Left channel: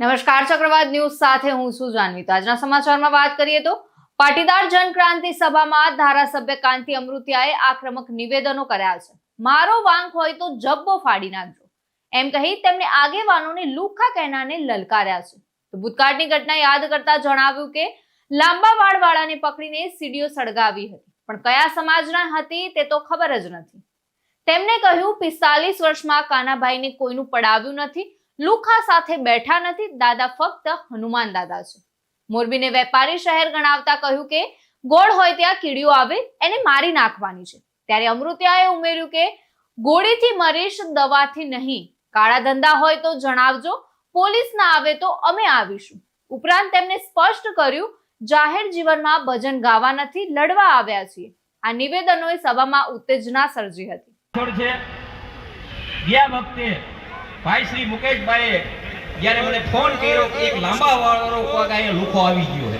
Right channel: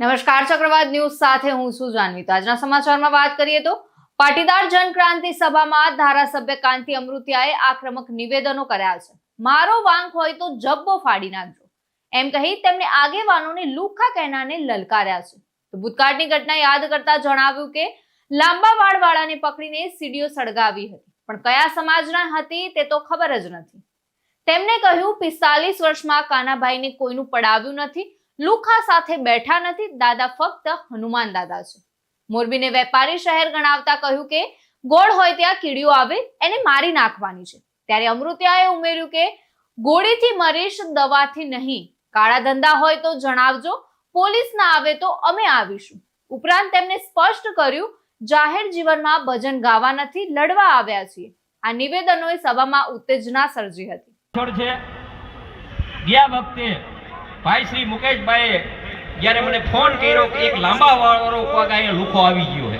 નમસ્કાર ચક્રવાત ન્યૂઝ સાથે હું છું જાનવી। તો આજના સમાચારમાં વાત કરીએ તો પાટીદાર જનક્રાંતિ સભામાં ધારાસભ્ય કાંતિ અમૃતિયાએ આક્રમક નિવેદનો કર્યા છે। મારો વાંક હોય તો જબ્બો ફાડી નાખજો એમ કહી તેમણે આગેવાનોને લુખ્ખા કહેનાને લલકાર્યા છે। તો ભૂતકાળની ઘટના યાદ કરતા જણાવ્યું કે લાંબા વાળવાળાને પકડીને સીડીઓ સળગાવી હતી, પણ કયા સમાજના હતી તે તો ખબર જ નથી। તેમણે કહ્યું 45 વર્ષમાં કાનાભાઈને કોઈનું પડાવ્યું નથી, લુખ્ખા સાથે બેઠા નથી, દાદા ફક્ત હનુમાન દાદા છે। મોરબીને વેપારી શહેર ગણાવતા કહ્યું કે ગોળ હોય ત્યાં કીડીઓ આવે એને મારી નાખવાની છે। ત્યારે અમૃતિયાએ ઉમેર્યું કે ગોળીથી મરીશ, દવાથી નહીં। કાળા ધંધા હોય તો જણાવજો, પોલીસ ના આવે તો અમે આવીશું। ઉપરાંત તેમણે સ્પષ્ટ કર્યું જાહેર જીવનમાં ભજન ગાવા નથી, લડવા આવ્યા છીએ। આ નિવેદનોએ સભામાં ઉત્તેજના સર્જી હતી। ગયા વખતે ભાઈ શ્રી મુકેશભાઈએ જ્યારે મને ફોન કર્યો કે એક લાંબા વાળો પગ અહીંયા લુખો આવી ગયો છે,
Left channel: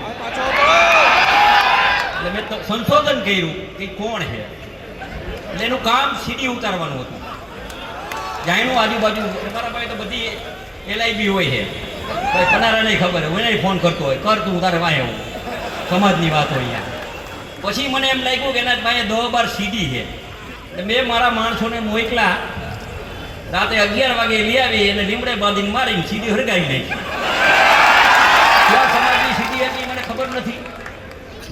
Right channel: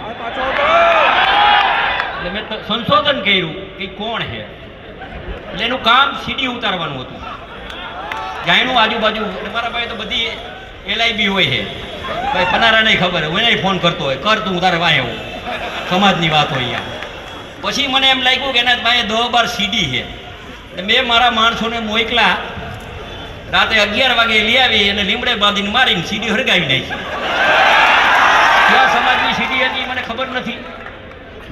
એટલે મેં સંશોધન કર્યું કે કોણ છે। એટલે એનું કામ સીડી ઉતારવાનું હતું, જાયનું આજુબાજુ। મારા ભાઈ તો બધી LIB હોય છે, ભાઈ પનારા નહીં ખબર હોય, એને ફોન કરતો હોય, કર તું તારે વાય હું સમાજની વાત હોય અહીંયા। પછી મને એમ લાગ્યું કે એના ભાઈ 10-12 સીડી છે, એટલે મેં મારા માણસોને મોકલા, રાતે 11 વાગે લઈ આવી અને લીમડે બાંધીને મારીને સીડી હળગાવી નાખી। કયા સમાજની સીડી હતી મને ખબર નથી,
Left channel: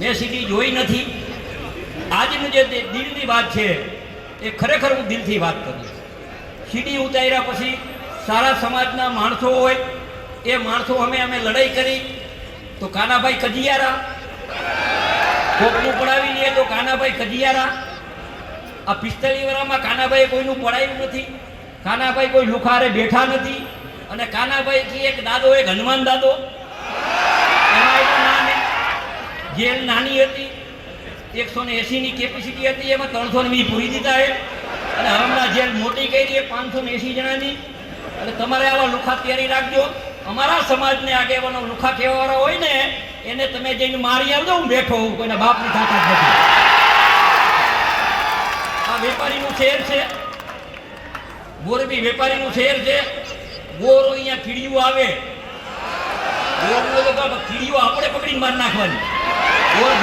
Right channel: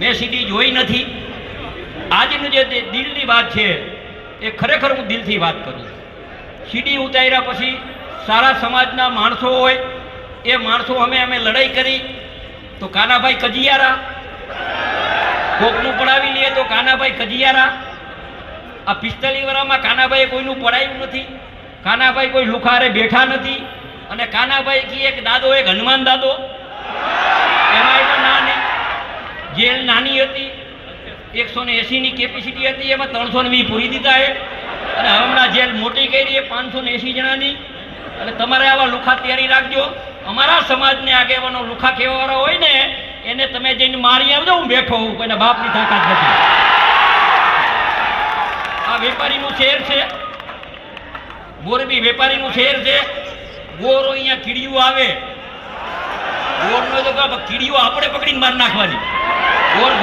મેં સીડી જોઈ નથી। આજનું જે દિલની વાત છે એ ખરેખર હું દિલથી વાત કરું છું। સીડી ઉતાર્યા પછી સારા સમાજના માણસો હોય એ માણસો અમે લડાઈ કરી તો કાનાભાઈ કજિયારા, કોકનું પડાવી લઈએ તો કાનાભાઈ કજિયારા। આ 45 વર્ષમાં કાનાભાઈએ કોઈનું પડાયું નથી, કાનાભાઈ કોઈ લુખારે બેઠા નથી, અને કાનાભાઈ કી એક દાદો, એક હનુમાન દાદો। એમાં પણ નાની જેલ નાની હતી, 180ની કેપેસિટી હતી, એમાં 320 પૂરી દીધા છે, અને હમણાં જેલ મોટી કરી છે 580 જણાની। એટલે તમારે આવા લુખા તૈયારી રાખજો। અમારા સમાજને આગેવાનો લુખા કહેવાવાળા હોય ને એને તમે જઈને મારી આવજો, હું બેઠો હું, કોઈના બાપની તાકાત નથી। આ વેપારીનું શહેર છે, મોરબી વેપારીનું શહેર છે। ગોરો અહીંયા કીડીઓ આવે, ગોરનો તો કીડીઓ આપણે પકડીને માર નાખવાની,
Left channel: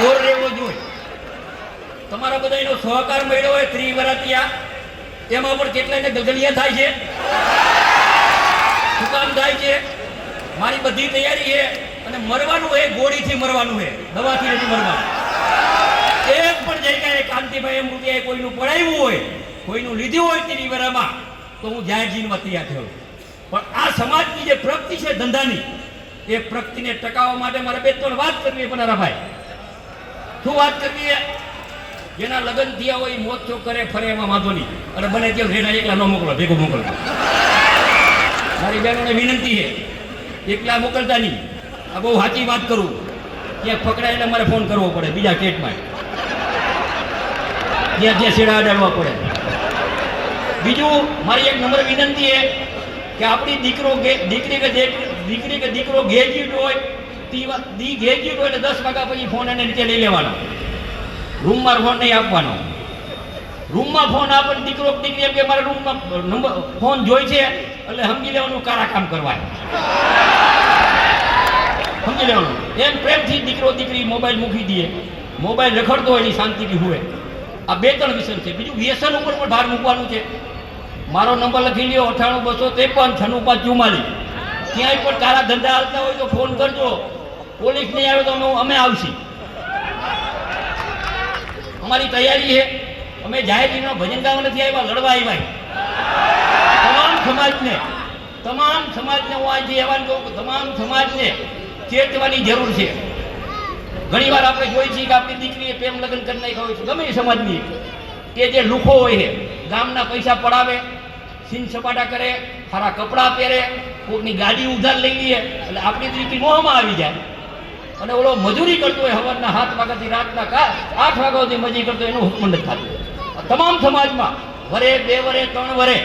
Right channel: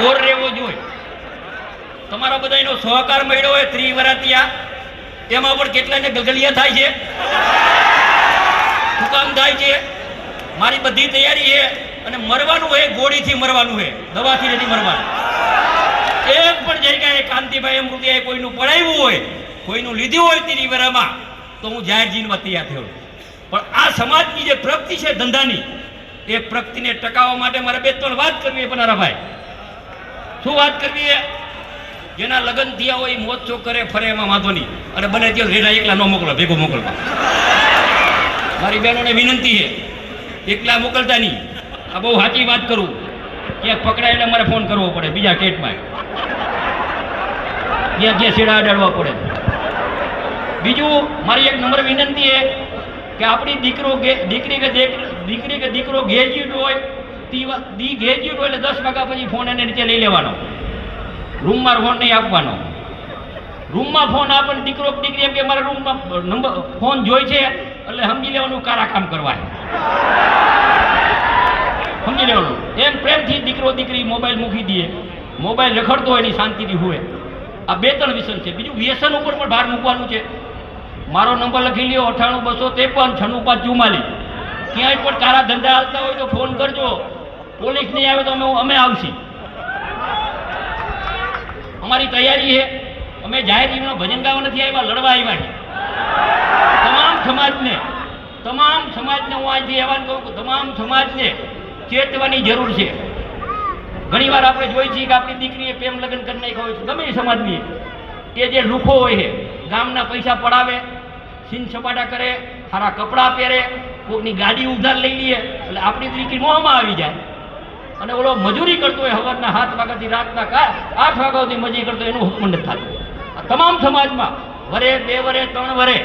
ગોર રહેવો જોઈએ। તમારો બધાનો સહકાર મળ્યો હોય ત્રિવરાતિયા, એમાં પણ કેટલાને ગગલિયા થાય છે, શું કામ થાય છે? મારી બધી તૈયારી છે, અને મરવાનું હોય ગોળીથી મરવાનું હોય, દવાથી નથી મરવાનું। એક પણ જગ્યાએ કાંતિભાઈ અમૃતિયાએ કોઈનું પડાવ્યું હોય, કોઈનું લીધું હોય ત્રિવરામાં તો હું જાહેર જીવનમાં તૈયાર થયો। પણ આ સમાજની જે પ્રગતિ છે ધંધાની, એ પ્રગતિને ટકાવવા માટે મારે 2-3 વાત કરવી પનારાભાઈ। શું વાત કરવી? જેના લગ્ન થયા હોય મોજ શોખ કરે ફરે, એમાં વાંધો નહીં, અને બને ત્યાં રેના એકલા ન મોકલો, ભેગો મોકલો। મારી બહેનોને વિનંતી છે, એકલા મોકલતા નહીં। આ બહુ સાચી વાત કરું, ક્યાંક પકડાય એટલે મારે ફોન કરવો પડે બીજા સ્ટેટમાં, જ્યાં છેડા અડાડવા પડે। બીજું મારી એક નંબર વિનંતી છે કે આપણી દીકરી કે દીકરો ગ્રેજ્યુએટ હોય, ગ્રેજ્યુએટ હોય એટલે 10 વાગ્યા પછી ફોન એને નીચે લઈ લેવાનો, રૂમમાં ફોન નહીં આપવાનો। રૂમમાં ફોન આપે દીકરી એમ કે મારા રૂમમાં નંબર ફોન જોઈ છે એટલે સમજી લેવાનું કારા કામ કરવાનું, સમજી લેવાનું। એમ પ્રેમથી દીકરી મોબાઈલ મૂકી દે, મોબાઈલ રખડતો હોય એની શાંતિથી હોય। આ 2-3 વિષય છે। બીજું વ્યસન ઉપર પણ ભાર મૂકવાનું છે। મારો નંબર લખી લ્યો 98 253 96 44। ક્યાંય પણ તારા ધંધા હાલતા હોય તો ફોન કરજો, પોલીસ નહીં આવે તો અમે આવશી। અમારી તૈયારી છે, અમે જાહેર જીવનમાં ભજન ગાવા નથી આવ્યા, લડવા આવ્યા। તમામ સમાજને હું આજથી આહવાન કહું કે તમામ સમાજને ચેતવાની જરૂર છે। ઘણી વાર આપણે જોઈ છીએ કે આપણી દીકરીએ પ્રેમ લગ્ન કરી નાખ્યા હોય છે, ગમે એ સમાજની, એ જે લુખો હોય છે ગામના પૈસા પડાવે, સીન સપાટા કરે, સારા કપડાં પહેરે, કોઈની ગાડી ઉધાર લઈ લઈએ, એટલે આપણી દીકરી મોહમાં આવી જાય। અને ઓલો મજૂરી કરતો હોય, સવારના 7 વાગ્યાથી રાતના 8 વાગ્યા સુધી મજૂરી કરતો, એનું હુકમ નથી થતું। તમામ સમાજમાં વરે 2 વરે 3 વરે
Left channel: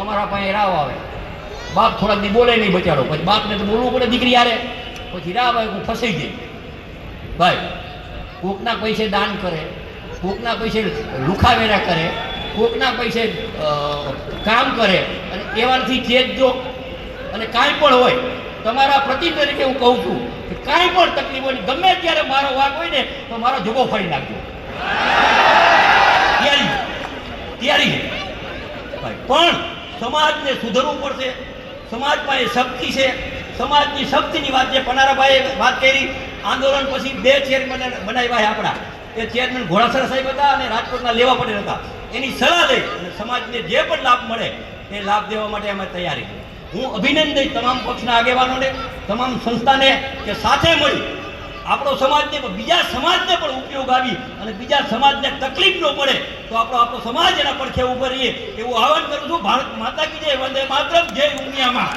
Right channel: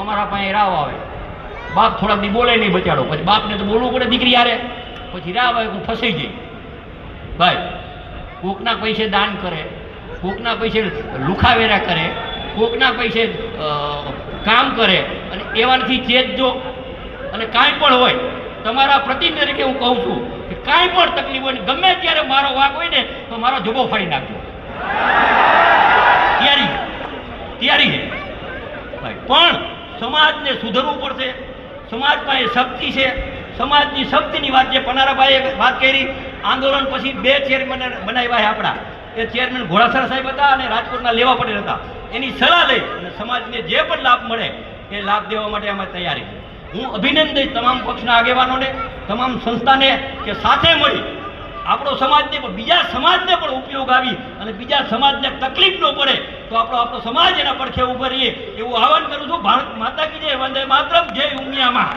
અમારા પાસે રાવ આવે, બાપ થોડા દી બોલે નહીં બચાડો, પછી બાપને તો બોલવું પડે દીકરી યારે, પછી રાવ આવે હું ફસાઈ જઈ। ભાઈ કોકના પૈસે દાન કરે, કોકના પૈસે લુખાવેરા કરે, કોકના પૈસે કામ કરે, અને એવાથી ચેતજો। અને કાંઈ પણ હોય તમારા પ્રતિનિધિ તરીકે હું કહું છું કે કાંઈ પણ તકલીફ હોય ને ગમે ત્યારે મારો વાંક હોય ને તો મારો જુબો ફાડી નાખજો. તૈયારી છે ભાઈ. પણ સમાજને સુધરવું પડશે. સમાજમાં એ શક્તિ છે. સમાજની શક્તિની વાત જે પનારાભાઈએ વાત કરી, આંદોલન પછી 2 ચેરમેન બનાવ્યા છે આપણા. એ ચેરમેન ઘોડાસરા સાહેબ હતા અને રાજકોટના લેવા પટેલ હતા. એની સલાહ લઈ અને સમાજને જે પણ લાભ મળે એ લાભ દેવા માટે અમે તૈયારી. હું અભિનંદન દઈશ તમામ પક્ષના આગેવાનોને, તમામ સંસ્થાને કે સાથે મળી આપણો સમાજને પણ બીજા સમાજને પણ ઉપયોગ આવી અને બીજા સમાજને તકલીફ ન પડે તો આપણો સમાજ એના પડખે ઉભો રહીએ એવું આહવાન કરું છું. ભારત માતા કી જય, વંદે માતરમ, જય ઉમિયામાં.